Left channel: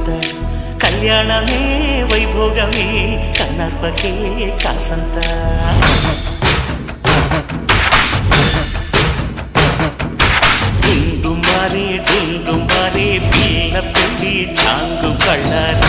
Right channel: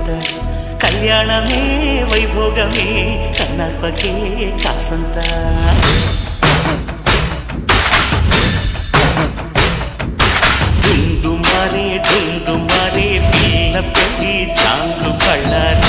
ఎంత కళ్యాణమే వైభోగమే కన్నార్పకే కాసంత డుండు మారే పిల్ల పెళ్ళి చాంగు కళ్ళారి